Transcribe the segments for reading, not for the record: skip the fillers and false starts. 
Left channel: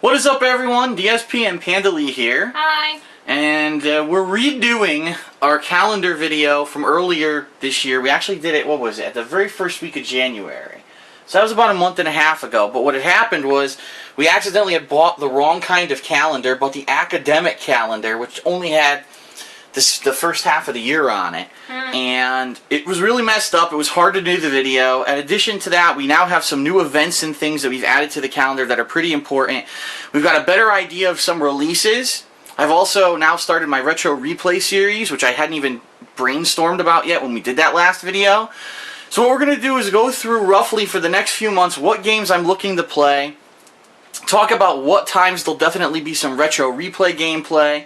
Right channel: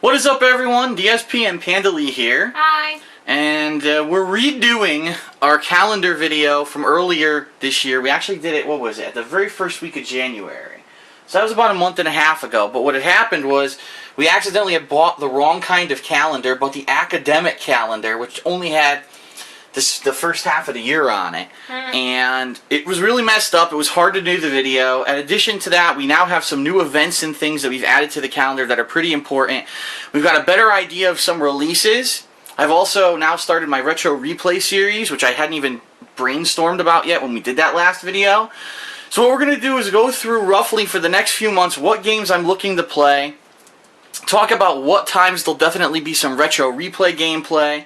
What is up, everyone? DSP and PandaLee here. Hi. And we're redoing our calendar video from earlier this year. We actually did it, what was it, at the very first week of January. So that was about a month and a half ago. But what had happened was we accidentally had bought the wrong kind of calendar, bought the academic calendar, which only had the first half of the year on it. And it was really messed up. It was hard to do the video. In addition to that, we now have some new events and things that we've added to the calendar that are pretty important. We've got a better idea of some releases. I've also now started my retro replay series, which I hadn't even brainstormed about yet when we did that last video. So what we're going to do is go through roughly for the next few months what games I'm looking to play, talk about what times there'll definitely be some retro replay gameplay,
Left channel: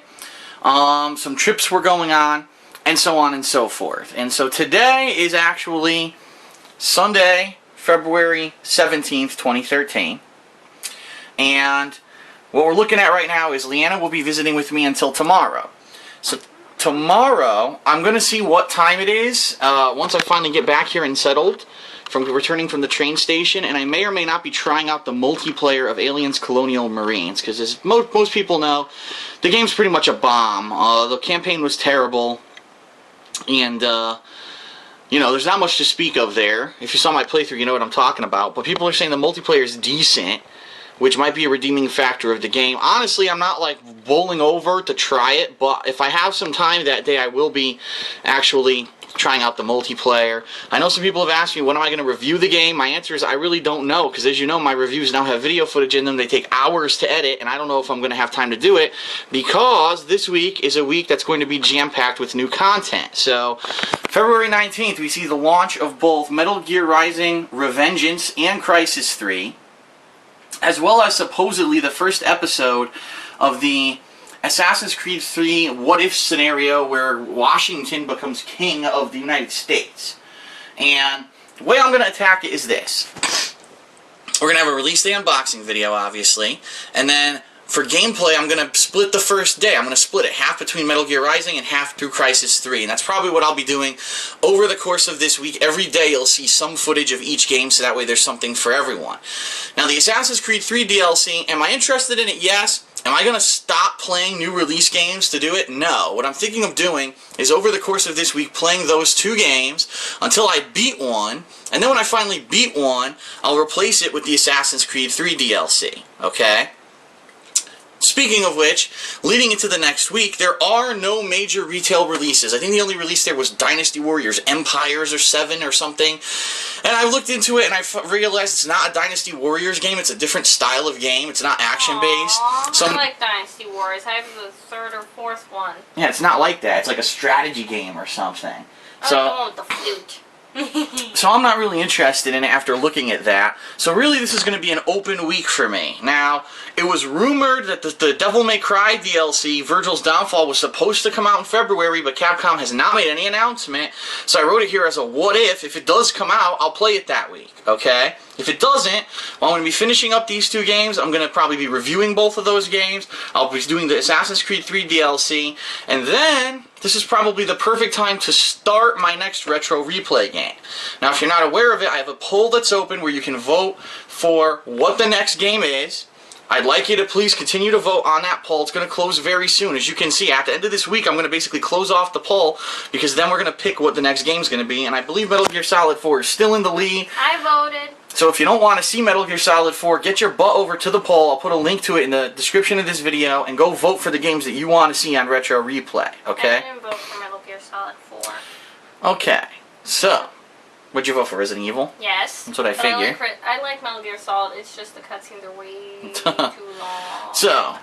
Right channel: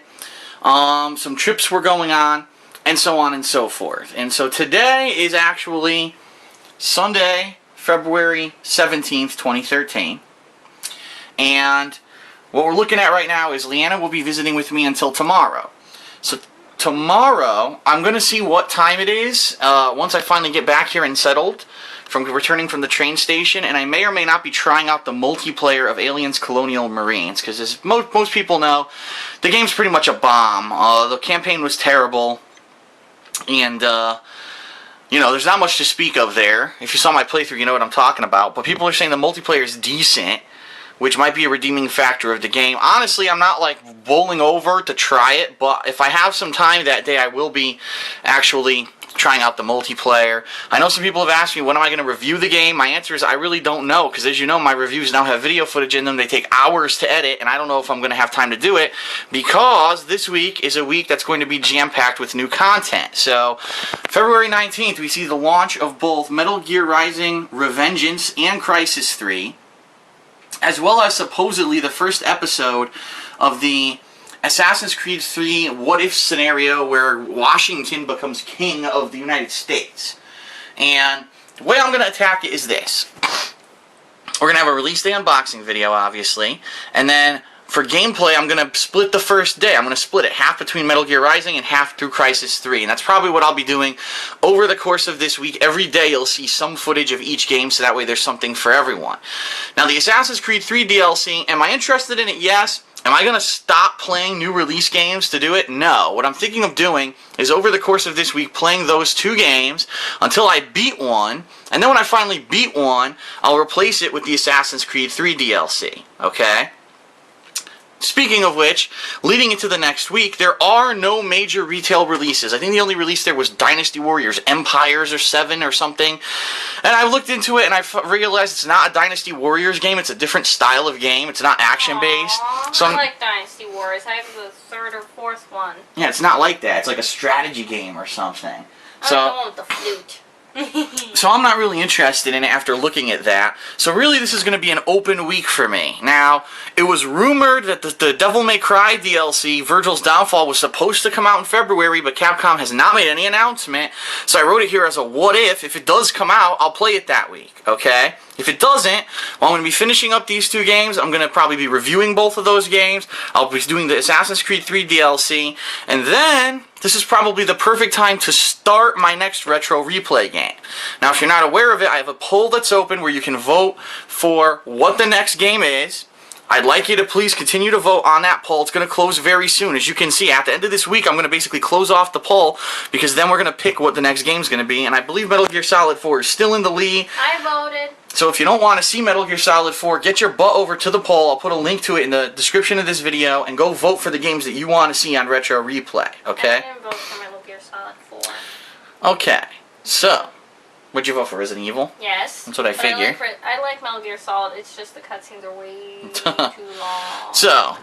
some trips we're going on, and so on and so forth. And so today is actually Sunday, February 17th, 2013. And what we're looking at right now is Leanna will be visiting with me until tomorrow. So tomorrow, I'm going to see what time it is once I finally get back here and settled from returning from the train station. And I may or may not be trying out the multiplayer of Aliens Colonial Marines. Because as most people know, the game's pretty much a bomb. The campaign was terrible. And, you know, there's not much to speak of there. If you saw my playthrough, you know what I'm talking about. But people are saying the multiplayer is decent, which might be a redeeming factor of the game. Honestly, I'm not like bowling over to try it, but if I have some time that day, I will be actually trying out the multiplayer. I know some people have asked me, when am I going to review the game? My answer is I really don't know, because as you know, my reviews now have video footage in them. They take hours to edit, and I don't know if I'm going to have time to do it, because this week is a week that's going to be jam-packed with new content. So, February 19th, we see the launch of both Metal Gear Rising: Revengeance and Crysis 3, as well as supposedly the first episode of the Assassin's Creed 3 what-if scenario where Washington becomes king of the United States. And the way I'm going to attack it is this. We're going to have a release day unboxing video, obviously, and then for gameplay, I'm going to split the first day. I'm going to split it half between Metal Gear Rising and half through Crysis 3. And that's probably what I'll be doing over the course of this week. Every day you'll see some footage of each game, so that way there's something for everyone. Now, the Assassin's Creed 3 DLC, am I interested in it? Yes. Am I going to stop playing new release games to do it? No. What I'm thinking of doing is over the course of this week playing those two games until I beat one. And then when I finally beat one, I'll replace it with the Assassin's Creed 3 DLC. Okay? Speaking of which, leading into the next week, there are no major retail releases. I think the only release there was Dynasty Warriors Empires or 7 or something. And I looked into it and I realized it's not a Dynasty Warriors game. It's a different style of game. It's not action-based. So I like Dynasty Warriors. I have the third or fourth one. Yeah, it's not like that. It's like a strategy game or something. I like the one with the flute. So I'm not really interested in it after looking at that. So really this is going to be an open week for me. Now, it was rumored that the Devil May Cry DLC, Virgil's Downfall, was supposed to come out in February, but Capcom has not made any announcement. So I wrote it here as a what if. If it does come out, I'll play it that week, okay? If it doesn't, well, I'm going to be finishing up these two games. I'm going to probably be reviewing both of those games. I'll be doing the Assassin's Creed 3 DLC. And then, this is probably the perfect time to start my next retro replay game. Now, if you're not aware of it, I have a poll that's open where you can vote for what the next game is. I'd like you to please continue to vote on that poll. It's going to close very soon. As you can see, at the end of this week, I'm going to basically close off the poll because then we're going to pick what the next game is going to be. And I believe Metal Gear Solid 4 is still in the lead. I voted. So if you don't want to see Metal Gear Solid 4, get your butt over to the poll. I'll put a link to it in the description of this video and go vote for the games that you want to see on Retro Replay. Okay? I didn't vote for Metal Gear Solid 4. Okay. So, what'd you vote for? Resident Evil? Yes. That's what I figure. I like Metal Gear Solid. It's just the cutscenes are way too long. So,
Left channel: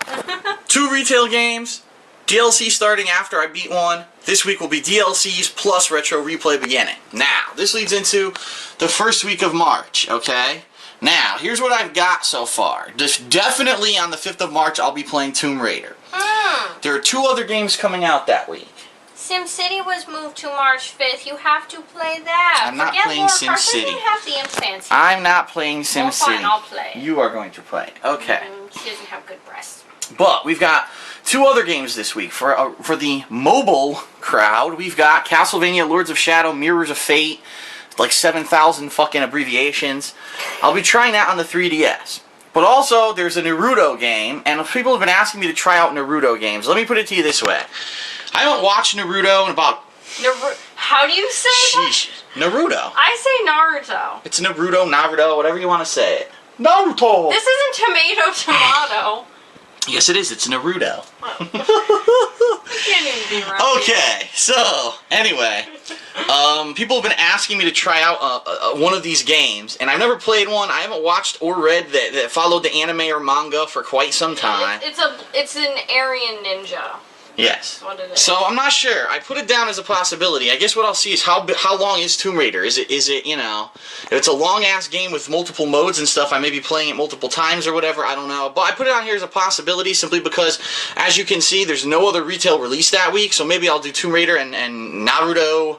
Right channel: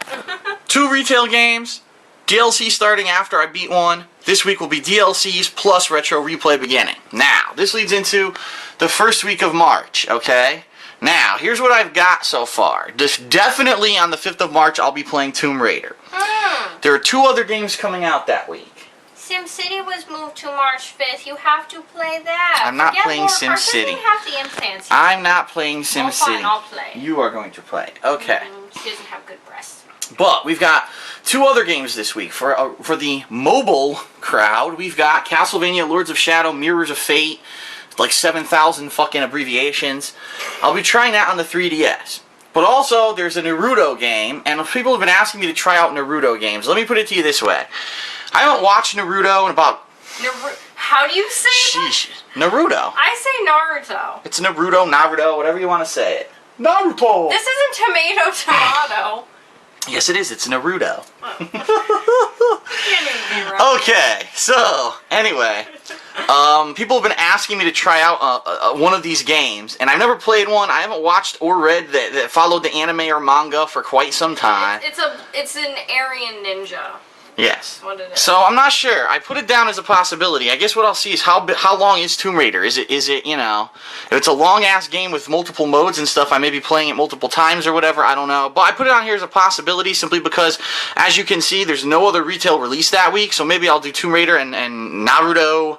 2 retail games, DLC starting after I beat one. This week will be DLCs plus Retro Replay beginning. Now, this leads into the first week of March, okay? Now, here's what I've got so far. Definitely on the 5th of March, I'll be playing Tomb Raider. There are 2 other games coming out that week. SimCity was moved to March 5th. You have to play that. I'm not playing SimCity. I'm not playing SimCity. Well, fine, I'll play. You are going to play. Okay. She doesn't have good breasts. But we've got 2 other games this week. For the mobile crowd, we've got Castlevania Lords of Shadow, Mirrors of Fate, like 7,000 fucking abbreviations. I'll be trying that on the 3DS. But also, there's a Naruto game, and people have been asking me to try out Naruto games. Let me put it to you this way. I haven't watched Naruto in about... How do you say Sheesh. Naruto. I say Naruto. It's Naruto, whatever you want to say it. Naruto! This isn't tomato. Yes, it is. It's Naruto. Oh. Okay, so, anyway. People have been asking me to try out one of these games, and I've never played one. I haven't watched or read that followed the anime or manga for quite some time. It's an Aryan ninja. Yes. What it is. So I'm not sure. I put it down as a possibility. I guess what I'll see is how long is Tomb Raider? Is it you know, if it's a long ass game with multiple modes and stuff, I may be playing it multiple times or whatever. I don't know. But I put it on here as a possibility simply because, as you can see, there's no other retail release that week. So maybe I'll do Tomb Raider and Naruto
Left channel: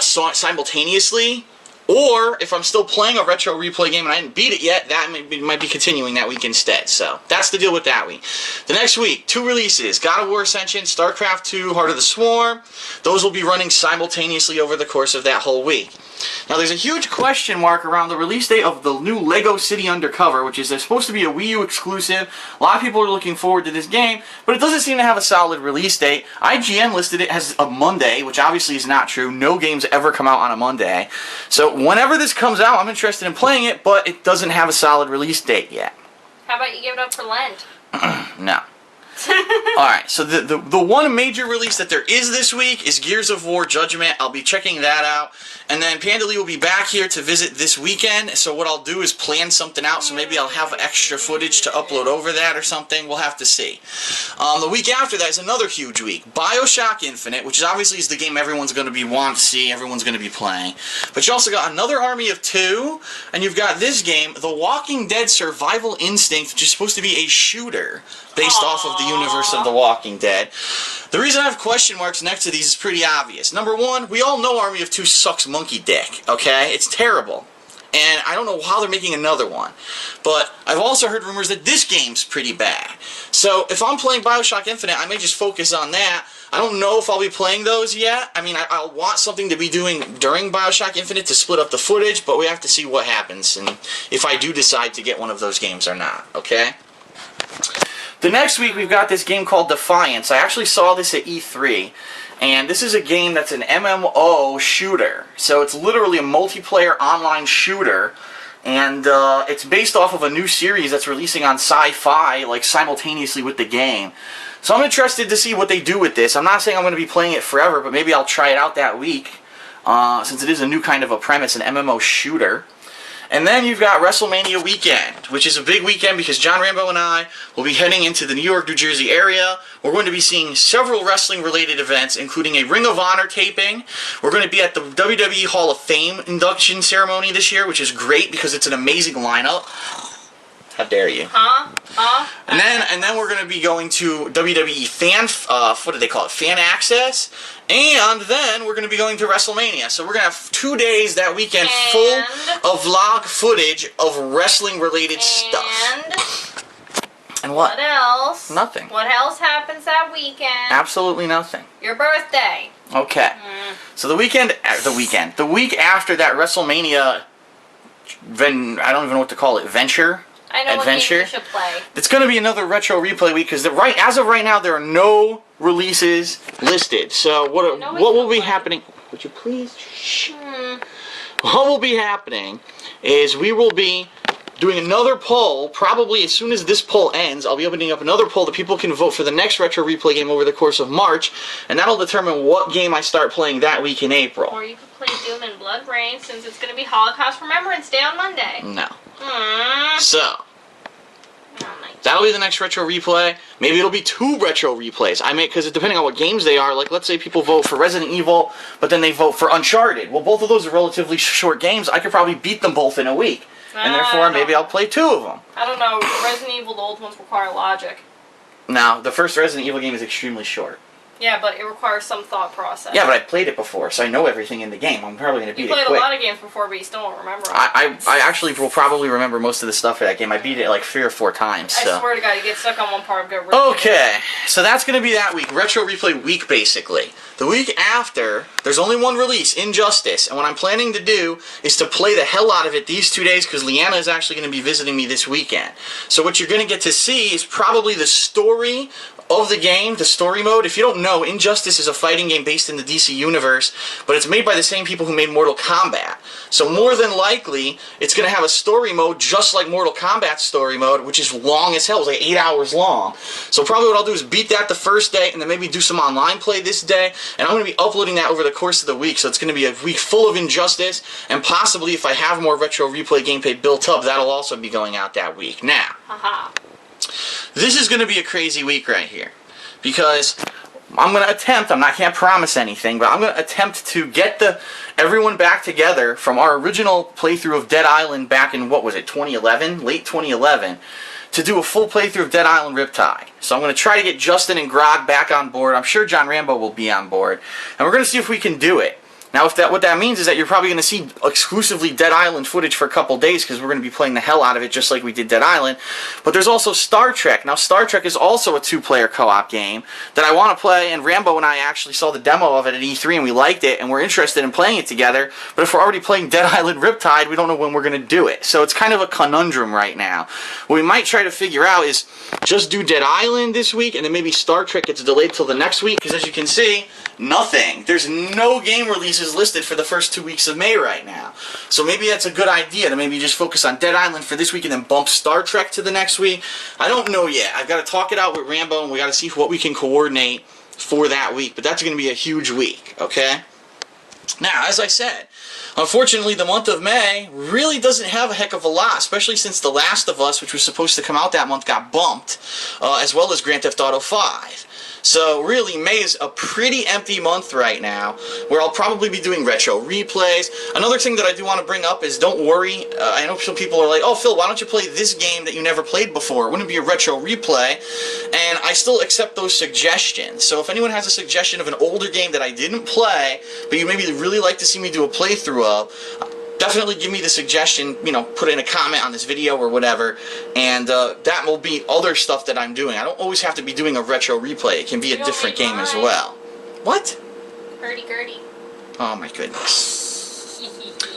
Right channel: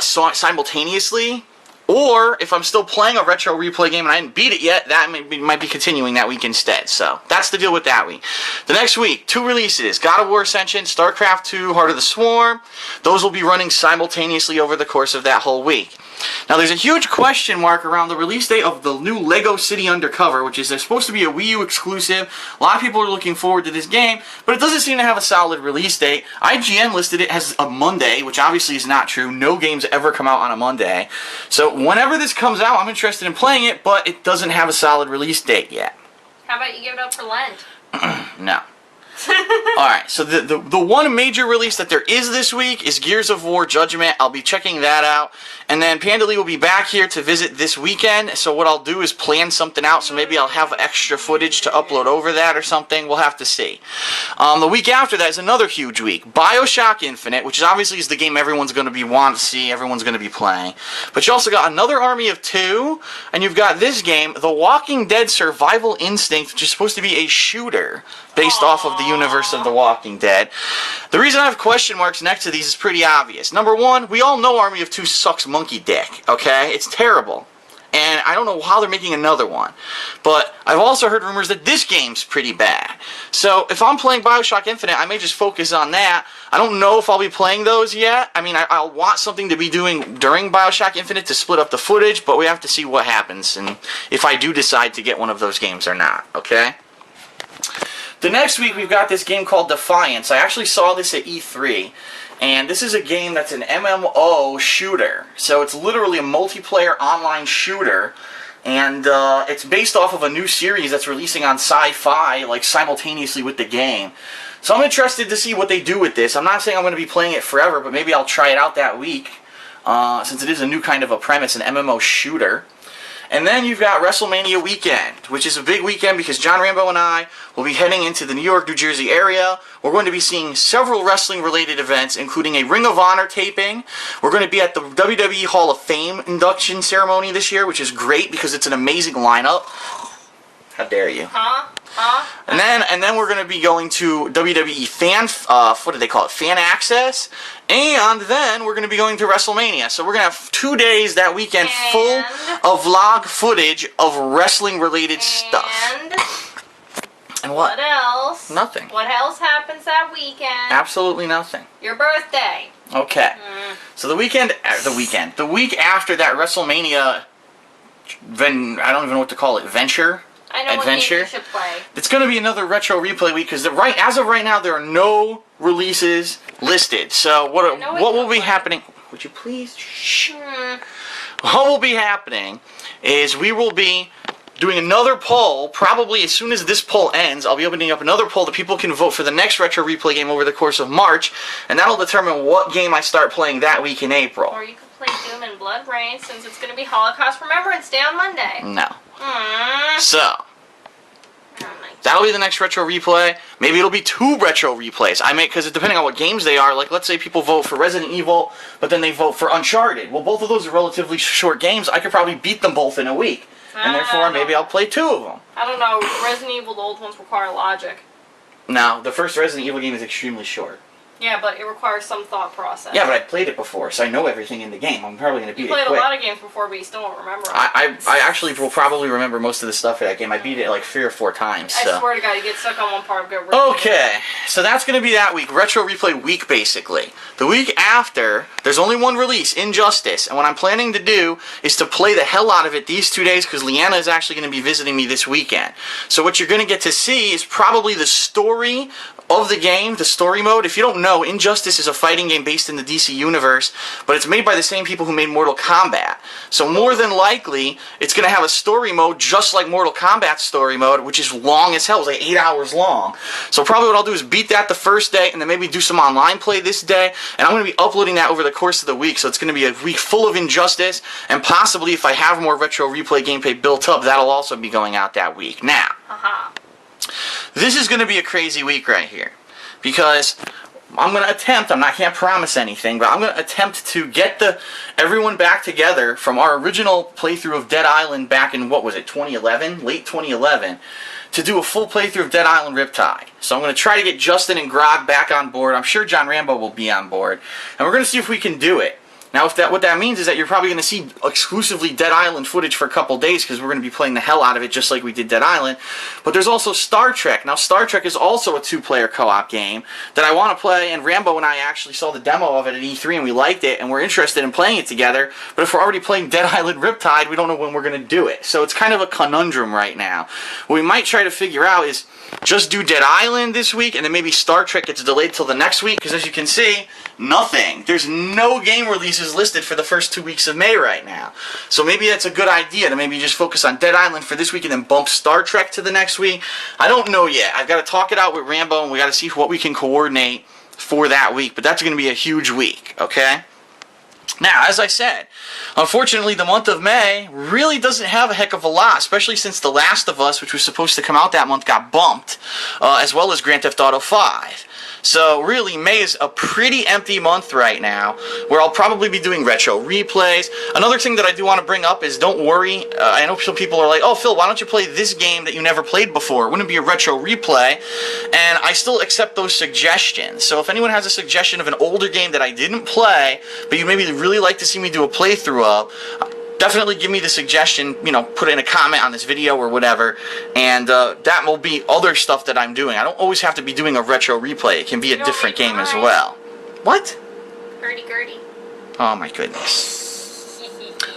simultaneously. Or, if I'm still playing a retro replay game and I didn't beat it yet, that might be continuing that week instead. So, that's the deal with that week. The next week, 2 releases. God of War Ascension, StarCraft 2, Heart of the Swarm. Those will be running simultaneously over the course of that whole week. Now, there's a huge question mark around the release date of the new Lego City Undercover, which is supposed to be a Wii U exclusive. A lot of people are looking forward to this game, but it doesn't seem to have a solid release date. IGN listed it as a Monday, which obviously is not true. No games ever come out on a Monday. So whenever this comes out, I'm interested in playing it, but it doesn't have a solid release date yet. How about you give it up for Lent? No. Alright, so the one major release that there is this week is Gears of War Judgment. I'll be checking that out. And then PandaLee will be back here to visit this weekend. So what I'll do is plan something out. So maybe I'll have extra footage to upload over that or something. We'll have to see. The week after that is another huge week. BioShock Infinite, which obviously is the game everyone's going to be wanting to see. Everyone's going to be playing. But you also got another Army of Two. And you've got this game, The Walking Dead Survival Instinct, which is supposed to be a shooter based off of the universe of The Walking Dead. The reason I have question marks next to these is pretty obvious. Number one, we all know Army of Two sucks monkey dick, okay? It's terrible. And I don't know how they're making another one. But I've also heard rumors that this game's pretty bad. So if I'm playing BioShock Infinite, I may just focus on that. I don't know if I'll be playing those yet. I mean, I'll want something to be doing during BioShock Infinite to split up the footage, but we have to see what happens and if I do decide to get one of those games or not, okay? The next week, we've got this game called Defiance. I actually saw this at E3, and this is a game that's an MMO shooter. So it's literally a multiplayer online shooter, and it's based off of a new series that's releasing on Sci-Fi, like simultaneously with the game. So I'm interested to see what they do with this. I'm not saying I'm going to be playing it forever, but maybe I'll try it out that week, since it is a new kind of a premise, an MMO shooter. And then you've got WrestleMania weekend, which is a big weekend because John Rambo and I will be heading into the New York, New Jersey area. We're going to be seeing several wrestling-related events, including a Ring of Honor taping. We're going to be at the WWE Hall of Fame induction ceremony this year, which is great because it's an amazing lineup. How dare you? And then we're going to be going to WWE Fan, what do they call it? Fan Access. And then we're going to be going to WrestleMania. So we're going to have 2 days that weekend full of vlog footage of wrestling-related stuff. And what? What else? Nothing. What else happens that weekend? Absolutely nothing. Your birthday. Okay. So the week after that WrestleMania, I don't even know what to call it, venture. I know adventure. What game you should play. It's going to be another retro replay week because as of right now there are no releases listed. So what will be happening? Would you please? Shh. What will be happening is we will be doing another poll. Probably as soon as this poll ends, I'll be opening up another poll that people can vote for the next retro replay game over the course of March, and that'll determine what game I start playing that week in April. Or you could play Doom and Blood Rain since it's going to be Holocaust Remembrance Day on Monday. No. So, that'll be the next retro replay. Maybe it'll be 2 retro replays. Because depending on what games they are, like let's say people vote for Resident Evil, but then they vote for Uncharted. Well, both of those are relatively short games. I could probably beat them both in a week. And therefore, maybe I'll play 2 of them. I don't know. Resident Evil, the old ones require logic. Now, the first Resident Evil game is extremely short. Yeah, but it requires some thought process. Yeah, but I played it before, so I know everything in the game. I'm probably going to beat it quick. You played a lot of games before, but you still don't remember them. I actually will probably remember most of the stuff for that game. I beat it like 3 or 4 times. So. I swear to God, you get stuck on one part of it. Okay, so that's going to be that week. Retro Replay week, basically. The week after, there's only one release, Injustice. And what I'm planning to do is to play the hell out of it these 2 days, because Leanna is actually going to be visiting me this weekend. So what you're going to get to see is probably the story of the game, the story mode. If you don't know, Injustice is a fighting game based in the DC universe, but it's made by the same people who made Mortal Kombat. So more than likely, it's going to have a story mode just like Mortal Kombat's story mode, which is long as hell. It's like 8 hours long. So probably what I'll do is beat that the first day, and then maybe do some online play this day, and I'm going to be uploading that over the course of the week. So it's going to be a week full of Injustice, and possibly if I have more Retro Replay gameplay built up, that'll also be going out that week. Now, this is going to be a crazy week right here, because I'm going to attempt, can't promise anything, but I'm going to attempt to get everyone back together from our original playthrough of Dead Island back in, what was it, 2011? Late 2011, to do a full playthrough of Dead Island Riptide. So I'm going to try to get Justin and Grog back on board. I'm sure John Rambo will be on board, and we're going to see if we can do it. Now, what that means is that you're probably going to see exclusively Dead Island footage for a couple days, because we're going to be playing the hell out of it just like we did Dead Island. But there's also Star Trek. Now, Star Trek is also a 2-player co-op game that I want to play, and Rambo and I actually saw the demo of it at E3, and we liked it, and we're interested in playing it together. But if we're already playing Dead Island Riptide, we don't know when we're going to do it. So it's kind of a conundrum right now. What we might try to figure out is just do Dead Island this week, and then maybe Star Trek gets delayed till the next week, because as you can see, nothing. There's no game releases listed for the first 2 weeks of May right now. So maybe that's a good idea to maybe just focus on Dead Island for this week and then bump Star Trek to the next week. I don't know yet. I've got to talk it out with Rambo, and we got to see what we can coordinate for that week. But that's going to be a huge week, okay? Now, as I said, unfortunately, the month of May really doesn't have a heck of a lot, especially since The Last of Us, which was supposed to come out that month, got bumped, as well as Grand Theft Auto 5. So really, May is a pretty empty month right now, where I'll probably be doing retro replays. Another thing that I do want to bring up is, don't worry, I know some people are like, oh Phil, why don't you play this game that you never played before? Wouldn't it be a retro replay? And I still accept those suggestions. So if anyone has a suggestion of an older game that I didn't play, but you maybe really like to see me do a playthrough of, definitely give me the suggestion, put in a comment on this video or whatever, and that will be other stuff that I'm doing. I don't always have to be doing a retro replay. It can be a different game as well. What? Hurdy-gurdy. Oh my goodness.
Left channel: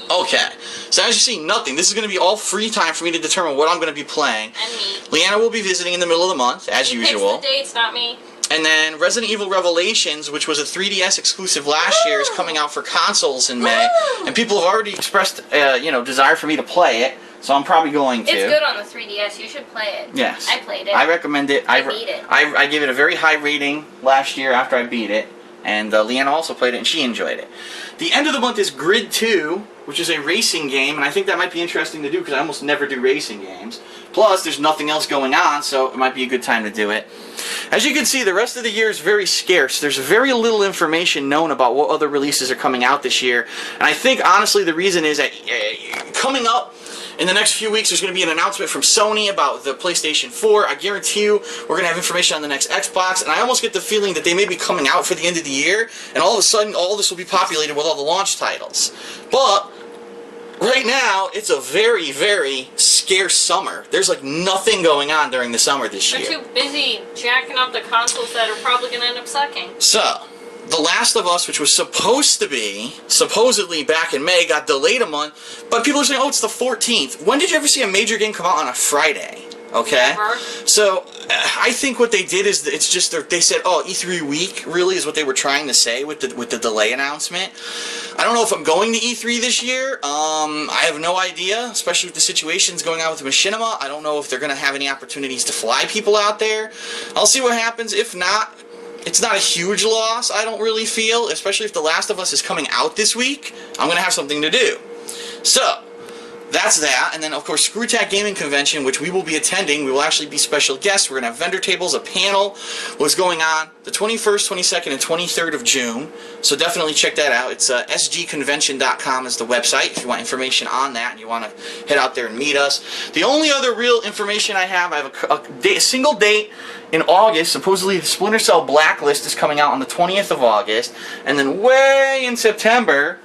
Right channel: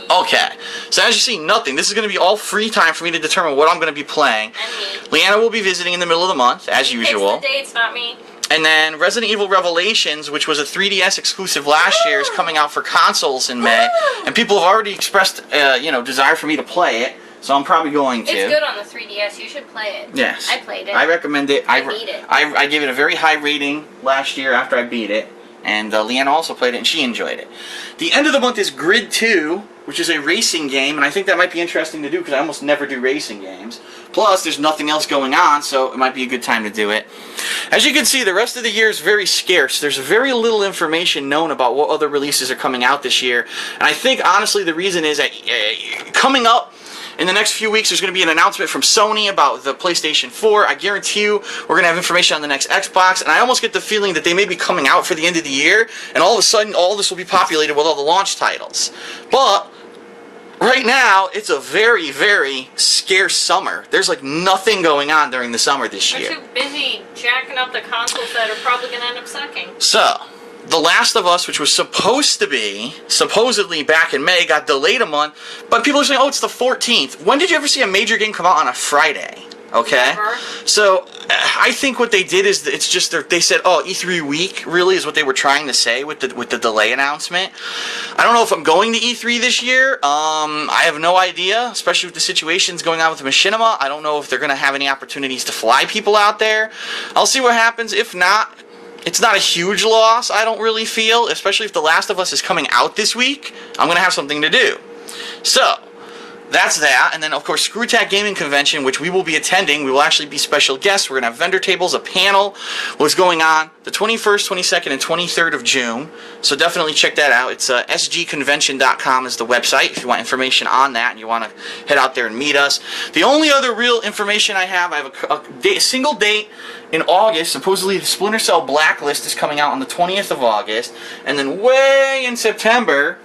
Okay, so as you see, nothing. This is going to be all free time for me to determine what I'm going to be playing. And me. Leanna will be visiting in the middle of the month, as usual. He picks the dates, not me. And then Resident Evil Revelations, which was a 3DS exclusive last year, is coming out for consoles in May. And people have already expressed, desire for me to play it. So I'm probably going to. It's good on the 3DS. You should play it. Yes. I played it. I recommend it. I beat it. I gave it a very high rating last year after I beat it. And Leanna also played it, and she enjoyed it. The end of the month is Grid 2, which is a racing game, and I think that might be interesting to do because I almost never do racing games. Plus, there's nothing else going on, so it might be a good time to do it. As you can see, the rest of the year is very scarce. There's very little information known about what other releases are coming out this year. And I think, honestly, the reason is that coming up in the next few weeks, there's going to be an announcement from Sony about the PlayStation 4. I guarantee you we're going to have information on the next Xbox, and I almost get the feeling that they may be coming out for the end of the year, and all of a sudden, all this will be populated with all the launch titles. But right now, it's a very, very scarce summer. There's like nothing going on during the summer this year. They're too busy jacking up the consoles that are probably going to end up sucking. So, The Last of Us, which was supposedly back in May, got delayed a month, but people are saying, oh, it's the 14th. When did you ever see a major game come out on a Friday? Okay? Never. So, I think what they did is, it's just, they said, oh, E3 week, really, is what they were trying to say with the delay announcement. I don't know if I'm going to E3 this year. I have no idea, especially with the situations going on with Machinima. I don't know if they're going to have any opportunities to fly people out there. I'll see what happens. If not, it's not a huge loss, I don't really feel, especially if The Last of Us is coming out this week. I'm going to have something to do. So, that's that. And then, of course, ScrewTack Gaming Convention, which we will be attending. We will actually be special guests. We're going to have vendor tables, a panel. What's going on the 21st, 22nd, and 23rd of June. So definitely check that out. It's sgconvention.com is the website if you want information on that and you want to head out there and meet us. The only other real information I have a single date in August. Supposedly the Splinter Cell Blacklist is coming out on the 20th of August. And then way in September,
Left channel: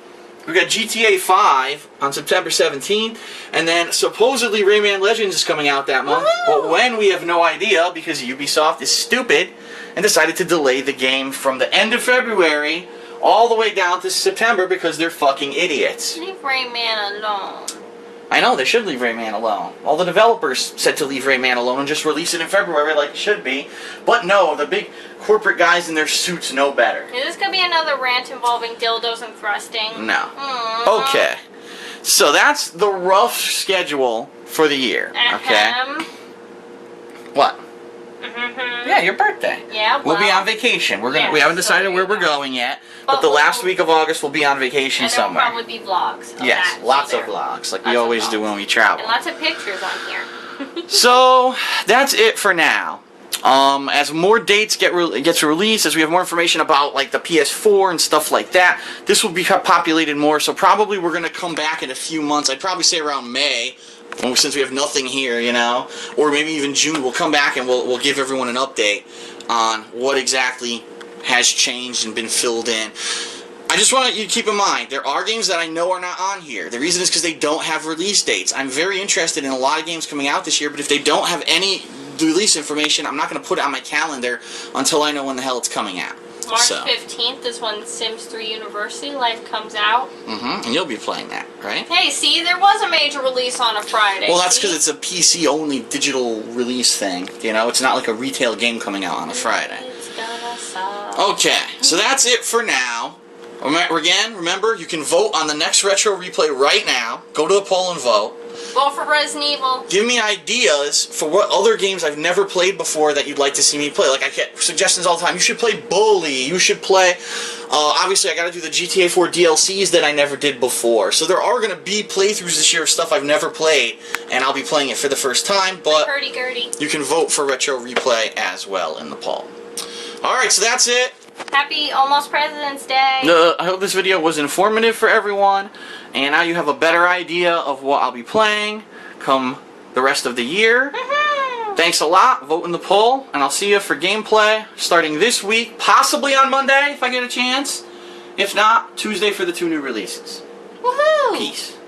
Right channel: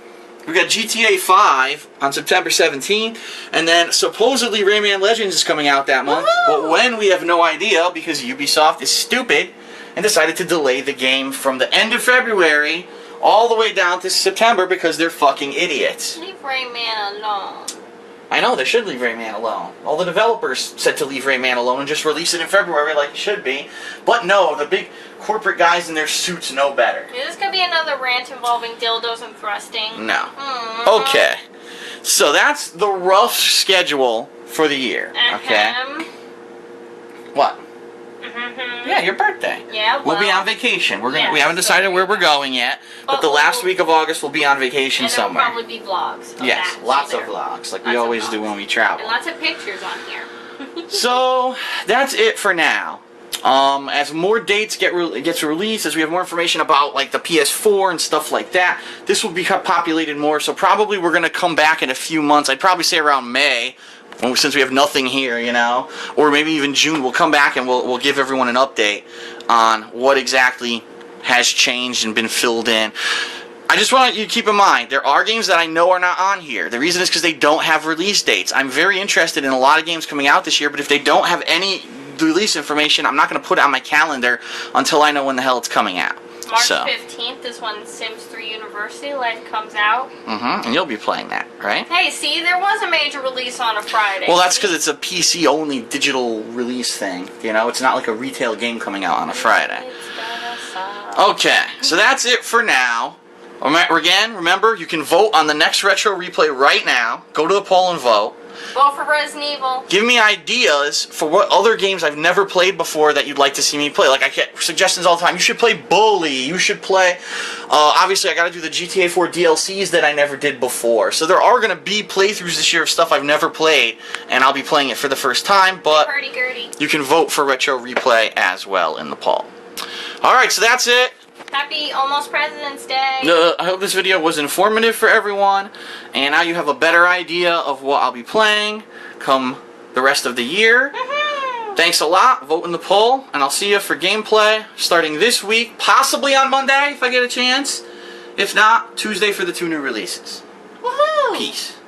we got GTA 5 on September 17th, and then supposedly Rayman Legends is coming out that month. Woohoo! But when, we have no idea because Ubisoft is stupid and decided to delay the game from the end of February all the way down to September because they're fucking idiots. Leave Rayman alone. I know, they should leave Rayman alone. All the developers said to leave Rayman alone and just release it in February like it should be. But no, the big corporate guys in their suits know better. Is this going to be another rant involving dildos and thrusting? No. Okay. So that's the rough schedule for the year. Okay? What? Yeah, your birthday. Yeah, well, we'll be on vacation. Yeah, we haven't decided where we're going yet, but the last week of August we'll be on vacation and somewhere. And probably be vlogs of yes, that, lots so of vlogs, like lots we always of do vlogs. when we travel. And lots of pictures on here. So that's it for now. As more dates gets released, as we have more information about like the PS4 and stuff like that, this will be populated more. So probably we're gonna come back in a few months. I'd probably say around May. Since we have nothing here, you know, or maybe even June, we'll come back and we'll give everyone an update on what exactly has changed and been filled in. I just want you to keep in mind, there are games that I know are not on here. The reason is because they don't have release dates. I'm very interested in a lot of games coming out this year, but if they don't have any release information, I'm not going to put it on my calendar until I know when the hell it's coming out. March 15th is when Sims 3 University Life comes out. And you'll be playing that, right? Hey, see, there was a major release on a Friday. Well, that's because it's a PC-only digital release thing. You know, it's not like a retail game coming out on a Friday. It's gonna suck. Okay, so that's it for now. Again, remember, you can vote on the next Retro Replay right now. Go to the poll and vote. Vote for Resident Evil. Give me ideas for what other games I've never played before that you'd like to see me play. Like, I get suggestions all the time. You should play Bully. You should play... obviously, I gotta do the GTA 4 DLCs that I never did before. So there are gonna be playthroughs this year of stuff I've never played, and I'll be playing it for the first time, but you can vote for Retro Replay as well in the poll. Alright, so that's it. Happy almost President's Day. I hope this video was informative for everyone, and now you have a better idea of what I'll be playing come the rest of the year. Thanks a lot. Vote in the poll, and I'll see you for gameplay starting this week, possibly on Monday if I get a chance. If not, Tuesday for the 2 new releases. Woohoo! Peace.